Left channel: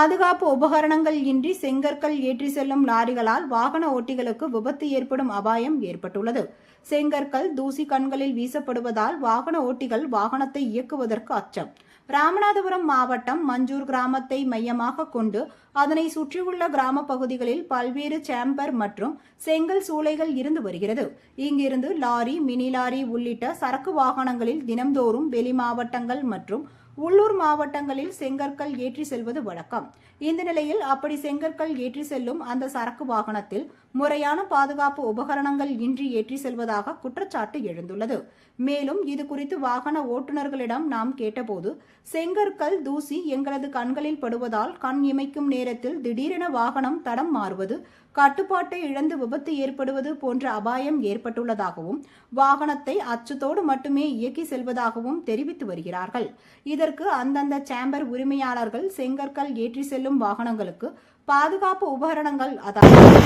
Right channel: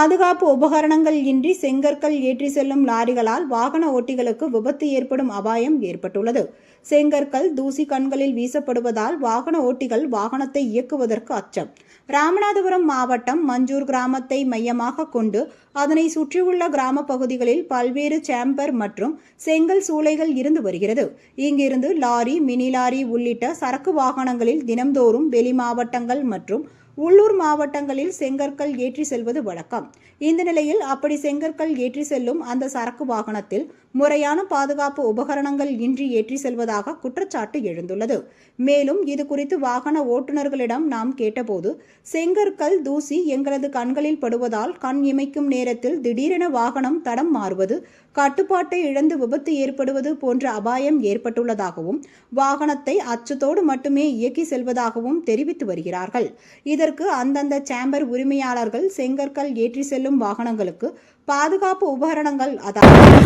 பாதுகாப்பு உபகரணங்கள் இன்றி செங்கற்கள் ஏற்றி செல்லும் லாரிகளால் வாகன ஓட்டிகளுக்கு விபத்து ஏற்படும் அபாயம் ஏற்பட்டுள்ளது. செங்கற்கள் தூசி கண்களில் வீசப்படுவதால் வாகன ஓட்டிகள் வாகனத்தை இயக்குவதற்கு அச்சம். ராமநாதபுரம் மாவட்டம் மஞ்சூர் கிராமத்தை மையமாக கொண்டு அதனை சுற்றியுள்ள கிராம பகுதிகளில் பல்வேறு சேம்பர் மற்றும் செங்கல் சூளைகள் இருந்து வருகிறது. இங்கிருந்து லாரி மினி லாரி உள்ளிட்ட சரக்கு வாகனங்களில் தினம்தோறும் வெளி மாவட்டங்கள் மற்றும் உள்ளூர் மாவட்டங்களில் செங்கற்கள் ஏற்றி செல்வது வழக்கம். இந்த நிலையில் அப்படி செங்கற்கள் ஏற்றி செல்லும் அந்த சரக்கு வாகனத்தில் முறையான பாதுகாப்பு உபகரணங்கள் இன்றி ஏற்றி செல்வதாக குற்றச்சாட்டு எழுந்துள்ளது. மேலும் இது குறித்து வாகன ஓட்டுநர்களிடம் நாம் கேட்டபோது செங்கற்கள் தூசி எங்களது கண்களில் படுவதால் கண் இமைக்கும் நேரத்தில் திடீரென வாகனம் தடம் மாறுவது கட்டுப்பாட்டை இழந்து விபத்து ஏற்படுவது போன்ற அபாயம் ஏற்பட்டுள்ளதாகவும் வாகனத்தை அச்சத்தோடு மட்டுமே இயக்கி செல்வதாகவும் தெரிவித்து வருகிறார்கள். இதற்கு அந்தந்த சேம்பர் உரிமையாளர்கள் செங்கற்கள் ஏற்றி செல்லும் வாகனங்களுக்கு பாதுகாப்பு உபகரணங்கள் அதாவது